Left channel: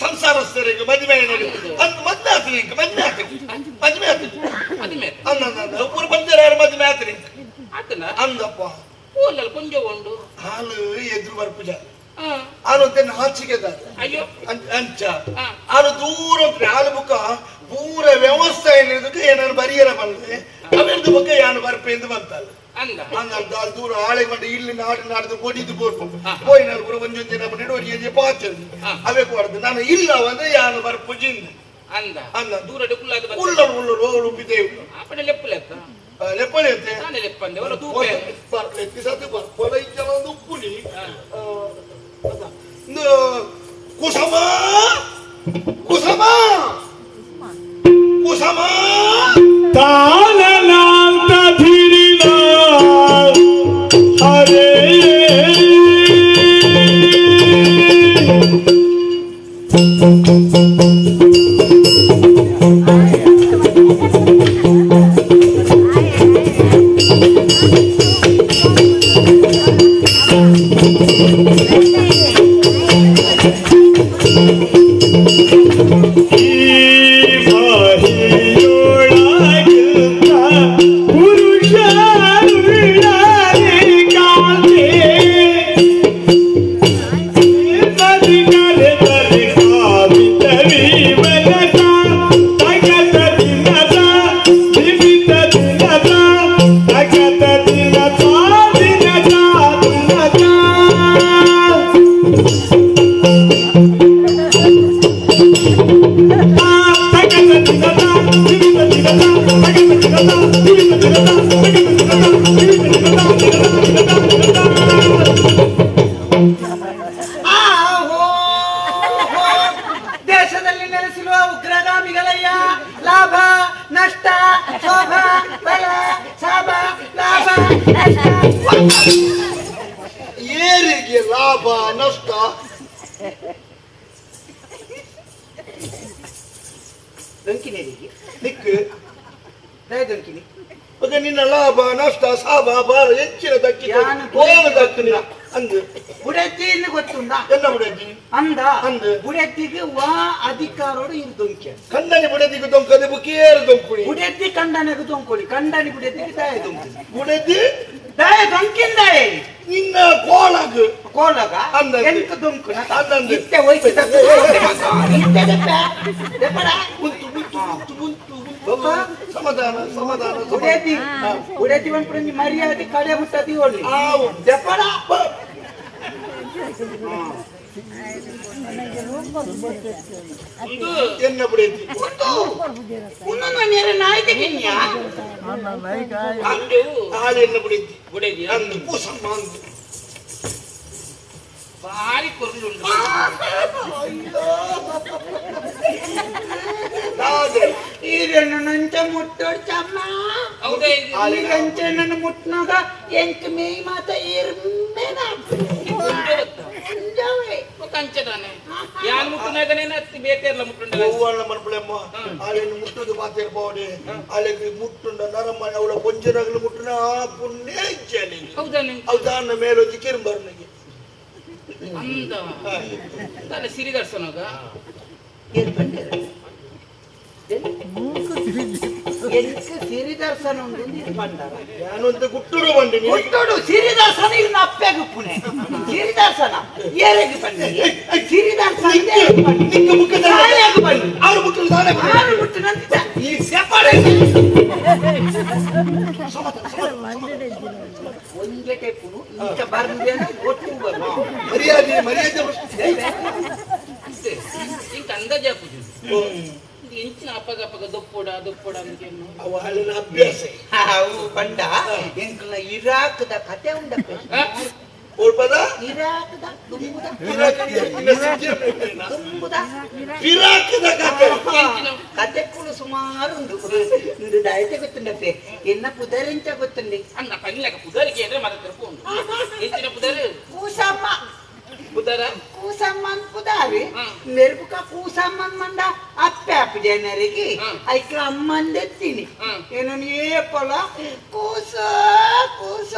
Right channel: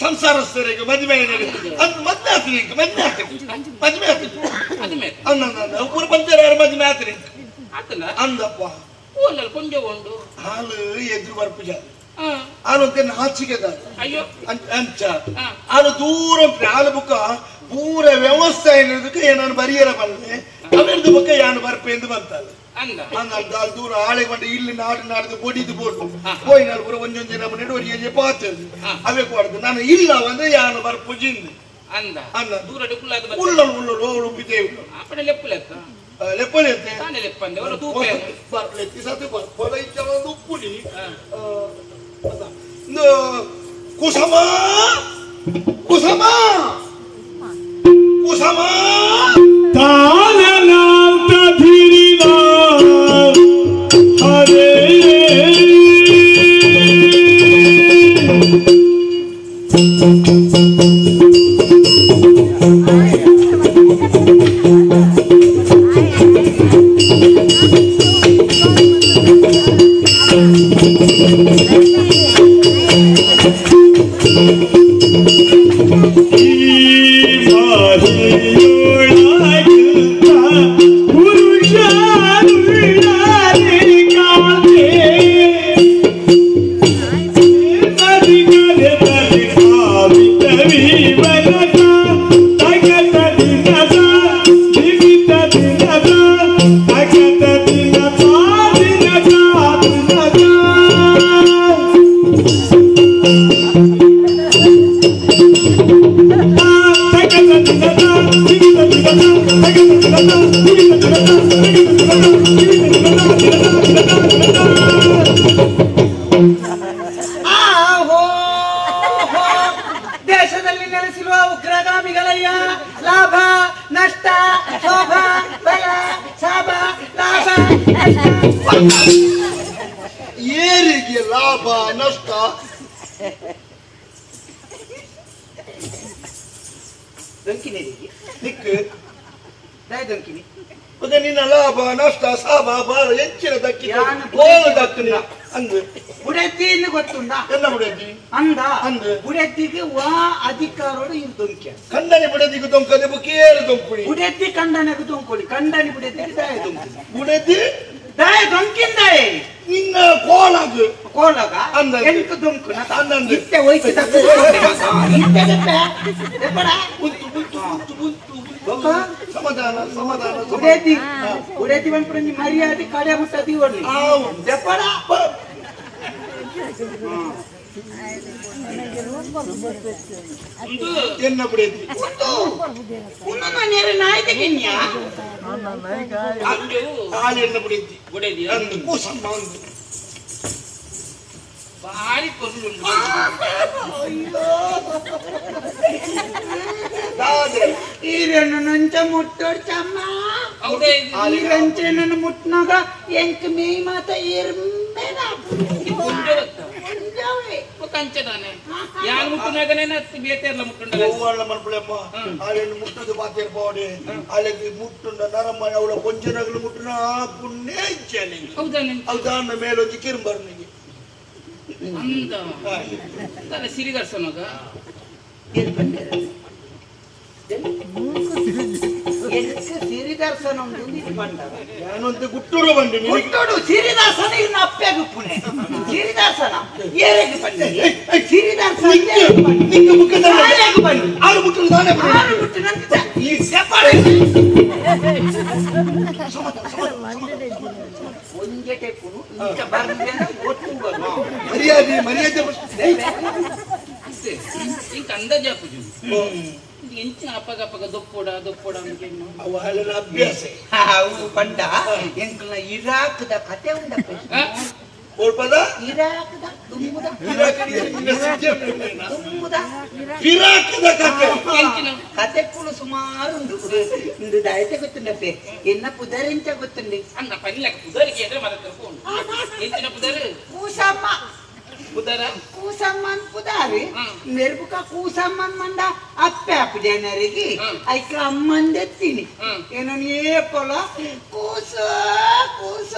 ಸಂಸಾರಸ್ಥರಿಗೆ ಮದುವೆ ಅಂತ ಮದ್ವೆ ಆತ್ರಿ ಮದ್ವೆ ಆತ್ರಿ ಒಬ್ಬರು ಬಂದಿರಾರು ಮದ್ವೆ ಆತ್ರಿ ಅಂದಪ್ಪ ಕೊಂಚ ಉಂಡು ಹಾಲು ಎದುರು ಬರ್ಪುಜ ಹಾಲು ಅಂತ ನಾಚಿಕೆ ಅಂಚ ಹಾಲು ದೂರ ಉಂಟ್ರೆ ಹಾಲು ಬುಕ್ಕ ಪೂರ ವ್ಯವಸ್ಥೆ ಏನಿದಕ್ಕೆ ಏನಾರು ಬರಿಯರ ಬಂದ್ರೆ ಅವೆರದು ಬುಕ್ಕ ಯಾನು ಬರ್ಪೆ ಎಂದು ಬಂತಲ್ಲ ದೂರ ಆಳೆ ಮಾಡಿ ಇಲ್ಲಿ ನಾಡ್ದು ಕೊಡಿದು ಕೊಟ್ಟು ಹೋಯ್ನಾರು ಪೂರ ಒಂದೊಂದು ದಿನ ಬಂದು ಪಾಚದು ಅವೇ ಕೊಡದು ನಾನು ಇಲ್ಲ ಅಂದ್ರೆ ಯಾನು ಬರ್ಪುಜಿಂದು ಅಂದ ಅಂದ ದೂರ ಉಪ್ಪಿದ್ದೇವು ಲೆಪ್ಪಲೆತ್ತೆ ಉಪ್ಪುಲಿ ಕುಸಮ ಕುಸಮ ಕುಸಮ ತಾನಲಾಂತ ಧೀರಿಲ ಹರೇ ದೇಶದಲ್ಲಿ ನೆಲೆಸಿರುವ ಉಗ್ರಗಾಮಿಗಳಯ್ಯ ಲಾಭ ನಷ್ಟ ಶೋಭ ಬಲ ಸಾಭ ಲಾಭ ಏರಿಗೆ ಲಾಭ ನಷ್ಟ ದಂಕಿನೇರಿಗೆ ನಿಕ್ಕು ದಂಕಿನಿ ಮತ್ತೆ ನಿನ್ನ ಲಾಭ ನಷ್ಟ ಸಾಭ ಬಾಳ ಹೆಚ್ಚಿನ ದಕ್ಕಿ ದಕ್ಕನಿ ಅಂದು ಬುಡೆತ್ತಿன்னு ಗೊತ್ತುಂಟಾ என்ன ಬುಡೆತ್ತಿ ಅಂದ ಬುಡೆತ್ತಿಗೆ ವಾ ಅಧಿಕಾರೋಡು ಇದು ದೊಂಕೆ ಕಂಡನಿ ಬುಡೆತ್ತಿಗೆ ದೊಂಕದೆ ಬುಕೇರು ದೊಂಕುಳಿ ಬುಡೆತ್ತಿ ಕಂಡನೆಗೆ ದೊಂಕೊಳಿ ಕಂಡನಿ ಬುಡೆತ್ತಿಗೆ ದಾಯ ದೊಂಕಿ ಬುಡೆತ್ತಿ ದಾಯ ದೊಂಕಿಂದಾಯ ನಿನ್ನ ಕೋಲಗ ಅಂದ ಎಂಕ ದೊಂಕುನ ಅಂದಂದು ಇತ್ತೆ ಹೋಯ್ತು ಸಮಾಧಾನ ಸಮಾಧಾನ ಬುಡೆತ್ತಿ ಬಂದ್ಬಿಡ ನೀ ಮರ್ಯಾದೆ ಕಡೆ ಮುಟ್ಟದಿ ಒಳ್ಳೆ ದೆಪ್ಪಡ ಎನ್ನ ಬುಡೆತ್ತಿ ನಾಯ್ತಿಗಿನ್ಯಾ ಹಾಳೆನ್ನ ಬುಡೆತ್ತಿ ಬುಡೆದಿ ಅಂದು ಕೂಸಮ್ಮ ಅಂದು ಭಾರಿ ಕೊರ್ಲು ಈರನ್ನು ನಂಚ ಮುಟ್ಟೋಡ್ತಮ್ಮ ಈರಂಚೆ ನನ್ನ ಮುಟ್ನಾಗ ಎಂಕ ಮೇ ಮಾತ ಇರ್ಮೇನ ಕಂಚದಾನೆ ಯಾರು ಮುಟ್ಟಿನಾಗನೇ ಬೇತೆಲ್ಲ ಮುಟ್ಟುಂಡ ಹೂವಣ್ಣ ಮನ್ಪುಳಮ್ಮ ಹಾಳೆನ್ನು ಮುಟ್ಟದು ಬಾತಿರ್ಬೋಡೆ ಹಾಳೆಗೆ ಮುಟ್ಟುಂಡ ನರಮ್ಮನೆ ಅವಳ ಕೊಂಚನಗಲು ಮುಟ್ಟುನ ಪುಣ್ಯ ಇಚ್ಛೆ ಹೌದಾನ ಮೇಲೊಂದು ಕಿರುಂಬರ್ನಿಗೆ ಅಂದ ಸಿರಿದರ್ಶನಗ ಸಿರಿದರ್ಶನ ನಾನೊಂದು ಗುಟ್ಟುಡು ಬಂಡಿ ಗುಟ್ಟುಡು ಸಿರಿದರ್ಶನ ಇನ್ನು ಅಪ್ಪೆಗೆ ಪುಣೆ ಸಿರಿದರ್ಶನ ಏರೆಗೆ ಬಂಡಿ ಸಿರಿದರ್ಶನ ಬಂಡಿ ಆರು ಮುಟ್ಟಲು ತಾನೇ ಆರು ಮುಟ್ಟು ನಂತ ಈ ಸೆಪಾಡೆ ಒಂದೆಟೆ ಕುರು ಇಂತ ಬರ್ದೇನ ಒಟ್ಟು ಬರು ಮರ್ಯಾದೆ ಮರ್ಯಾದೆ ಇಂಕ ಅಂದಾಜ ಹಾಕುದು ಎಂಚಿನ ಅಪ್ಪಗಪ್ಪಗ ದೊಪ್ಪೋಡ ಅವು ಹಾಲಿನ ಅಭ್ಯಾಸ ಅವು ಬಂಡ ಎಂಕಲ್ನ ಇರಾಕ್ದ ಕತೆ ಉಂಡ ಓಡ್ಪದ ಇರಾಕ್ದ ತುಂಬುದ ಪಿರಾಕದ ಕತೆ ಕತೆ ಕುಲು ಸುಮಾರು ಉಂಡು ದಯತೆ ಗೊತ್ತುಂಡಪ್ಪೆ ಎನ್ನ ಪುದರಿಂಚ ಗೊತ್ತುಂಡಿ ಅನ್ನ ಪನ್ಲಕ ಪುದರಿಗೆ ಅಂದ್ರೆ ಮರ ತಿರ್ಕೊಂಡು ಎಂಚಿನ ಪುದರ್ ಕೂಸಮ್ಮ ಪುದರ ಕೂಸಮ್ಮನ್ ಪುದಾರಿ ನೆರ್ಬುಕ ಕೂಸಮ್ಮನ್ ಮಂಡ ಅಪ್ಪೆ ಅಪ್ಪು ಜನರಿಗೆ ಐಕ ಅಮ್ಮಂದೆತ್ತೀನಿ ಏನೋ ಏಪಲ ಕೂಸ ಕೂಸ